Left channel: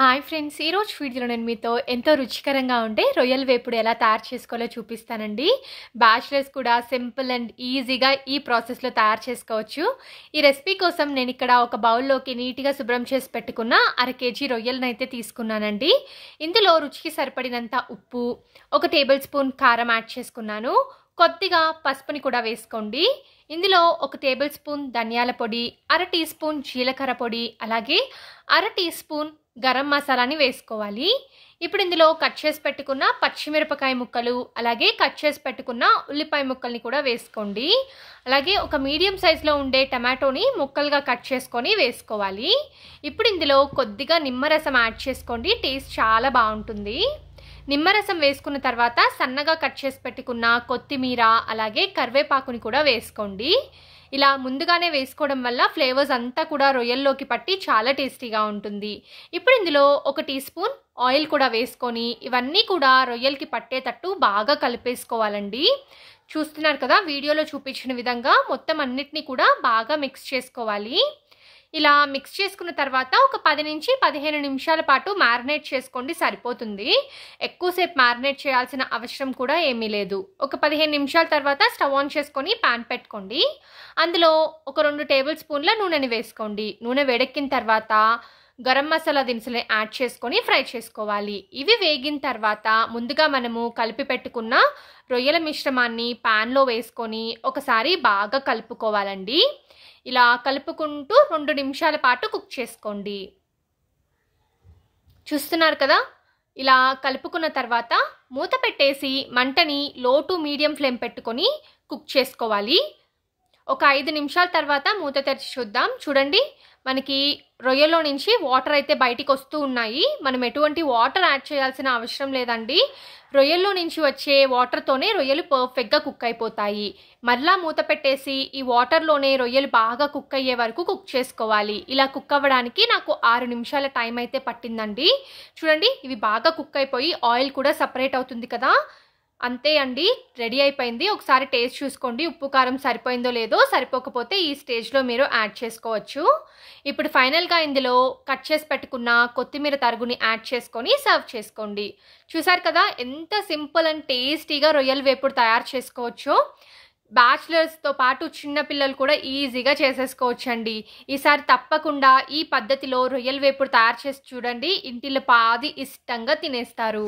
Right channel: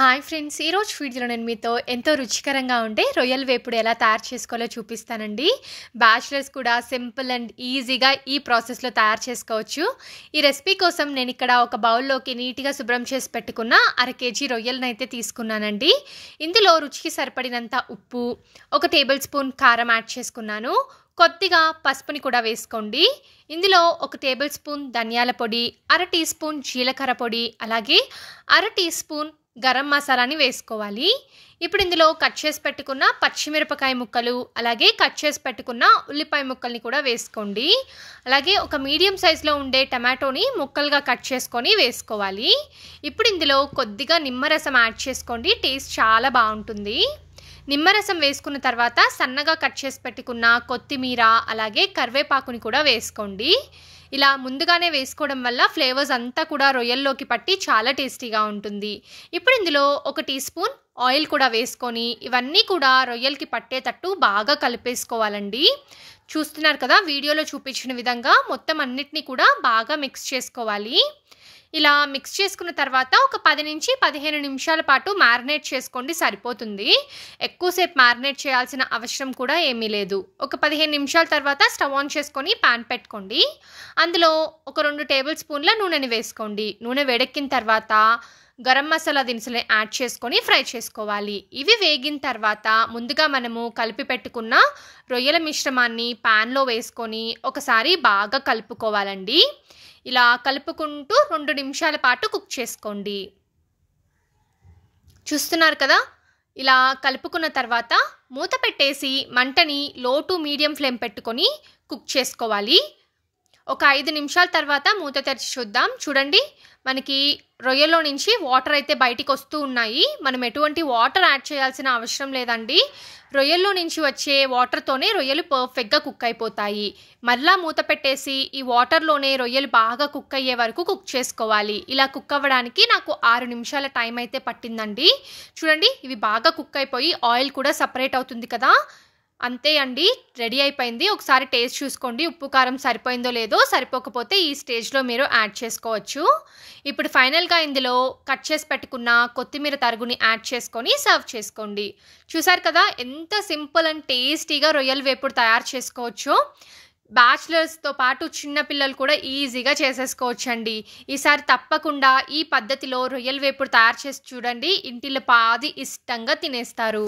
Hi friends, ఈరోజు వీడియోలో నేను మీతో ఎంతో రుచికరంగా ఉండే రొయ్యల వేపుడు ఎలా తయారు చేసుకోవాలో చూపిస్తానండి. బ్యాచిలర్స్ కూడా సింపుల్ అండ్ ఈజీగా ఈ ప్రాసెస్లో తయారు చేసుకోవచ్చు. ఈ రెసిపీ కోసం నేను ఇక్కడ ఒక బౌల్లోకి నీట్గా శుభ్రం చేసి పెట్టుకున్న 1/2 kg రొయ్యలను అయితే తీసుకున్నానండి. ఇందులో రుచికి సరిపడినంత ఉప్పు, 1 టేబుల్ స్పూన్ కారం యాడ్ చేసుకున్నాను. కొద్దిగా పసుపుని కూడా వేసుకోండి. ఇందులో 1 టేబుల్ స్పూన్ ధనియాల పొడి, 1/2 టీ స్పూన్ జీలకర్ర పొడి, అలాగే 1/2 టీ స్పూన్ గరం మసాలాని వేసుకోవాలి. ఇప్పుడు ఇందులో కట్ చేసి పెట్టుకున్న పచ్చిమిరపకాయ ముక్కలు, అలాగే కట్ చేసి పెట్టుకున్న ఉల్లిపాయ ముక్కల్ని కూడా వేసుకోండి. అలాగే ఒక మీడియం సైజులో ఉండే టమాటోని ముక్కలుగా కట్ చేసుకొని వేసుకోవాలి. ఇప్పుడు ఇందులో కొద్దిగా నిమ్మరసం యాడ్ చేసుకోండి, టేస్ట్ చాలా బాగుంటుంది. నిమ్మరసం వేసుకున్న తర్వాత సన్నగా కట్ చేసి పెట్టుకున్న కొత్తిమీర, అలాగే కరివేపాకుని కూడా వేసుకోండి. ఇలా ముందుగానే వేసుకోవడం వల్ల ఫ్లేవర్స్ అంతా కూడా రొయ్యల్లోకి పట్టి చాలా టేస్టీగా ఉంటుంది. ఇప్పుడు ఇందులో 1 టీ స్పూన్ ఆయిల్ కూడా వేసుకొని ఇవన్నీ కూడా రొయ్యలకి పట్టేటట్టు బాగా కలిపేసుకోవాలండి. చూస్తున్నారు కదా, వీడియోలో చూపించిన విధంగా మొత్తం అన్నిటినీ కూడా బాగా మిక్స్ చేసుకోవాలి. ఇలా మిక్స్ చేసుకున్న తర్వాత ఒక 10 నుంచి 15 నిమిషాల పాటు మ్యారినేట్ చేసుకోండి, సరిపోతుంది. ఎక్కువసేపు మ్యారినేట్ చేయాల్సిన అవసరం కూడా ఏమీ లేదు. ఒక 15 నిమిషాల తర్వాత స్టవ్ ఆన్ చేసుకొని పాన్ పెట్టుకోండి. అందులో ఒక 2 టేబుల్ స్పూన్ల నూనెని వేసుకోండి. నూనె వేడెక్కిన తర్వాత గరం మసాలా దినుసులు యాడ్ చేసుకొని ఫ్రై చేసుకోవాలి. ఇవి వేగిన తర్వాత ముందుగా మనము కలిపి పెట్టుకున్న రొయ్యల మిశ్రమాన్ని ప్యాన్లో వేసుకొని ఒకసారి బాగా కలుపుకోవాలండి. ఇలా కలుపుకుంటూ 2 నిమిషాల పాటు కుక్ చేసుకోండి. చూస్తున్నారు కదా, ఇలా కలుపుకున్న తర్వాత మూత పెట్టేసి మంటని లో టు మీడియం ఫ్లేమ్ పెట్టుకొని కుక్ చేసుకోవాలి. ఒక 5 నిమిషాల తర్వాత మూత తెరిచి చూద్దాం. చూడండి, మనకి రొయ్యలో నుంచి వాటర్ అయితే బయటికి వస్తూ ఉన్నాయి. మనం ఎటువంటి వాటర్ యాడ్ చేయాల్సిన అవసరం లేదండి. రొయ్యల్లో నుంచి వచ్చే వాటర్తోనే రొయ్యలు పర్ఫెక్ట్గా కుక్ అయిపోతాయి. మళ్ళా మూత పెట్టేసి ఈ వాటర్లోనే రొయ్యలు బాగా కుక్ అయ్యే వరకు కుక్ చేసుకోవాలి. ఇలా కుక్ అవ్వడానికి నాకు 6 నిమిషాల టైం అయితే పట్టిందండి. చూడండి, ఇవి బాగా కుక్ అయిపోయి ఆయిల్ కూడా సపరేట్ అవుతుంది కదా. అంతే అండి, రెడీ అయిపోయింది. ఒకసారి టేస్ట్ చూసుకోండి, ఉప్పు కారం సరిపోయిందో లేదో. సరిపోకపోతే ఈ స్టేజ్లో మీరు యాడ్ చేసుకోవచ్చు. ఇప్పుడు ఫైనల్గా ఇందులో కట్ చేసి పెట్టుకున్న కొత్తిమీర తరుగుని యాడ్ చేసుకొని సర్వ్ చేసుకోండి. చూసారు కదా, ఎంత సింపుల్ అండ్ టేస్టీగా రొయ్యల వేపుడు తయారు చేసుకోవచ్చు. బ్యాచిలర్స్తో పాటు చిన్నపిల్లలు కూడా ఈజీగా చేసేసుకోవచ్చండి. ఈసారి తప్పకుండా ఈ పద్ధతిలో రొయ్యల వేపుడు తయారు చేసి చూడండి, ఇంటిలో పాది ఇష్టంగా తినేస్తారు.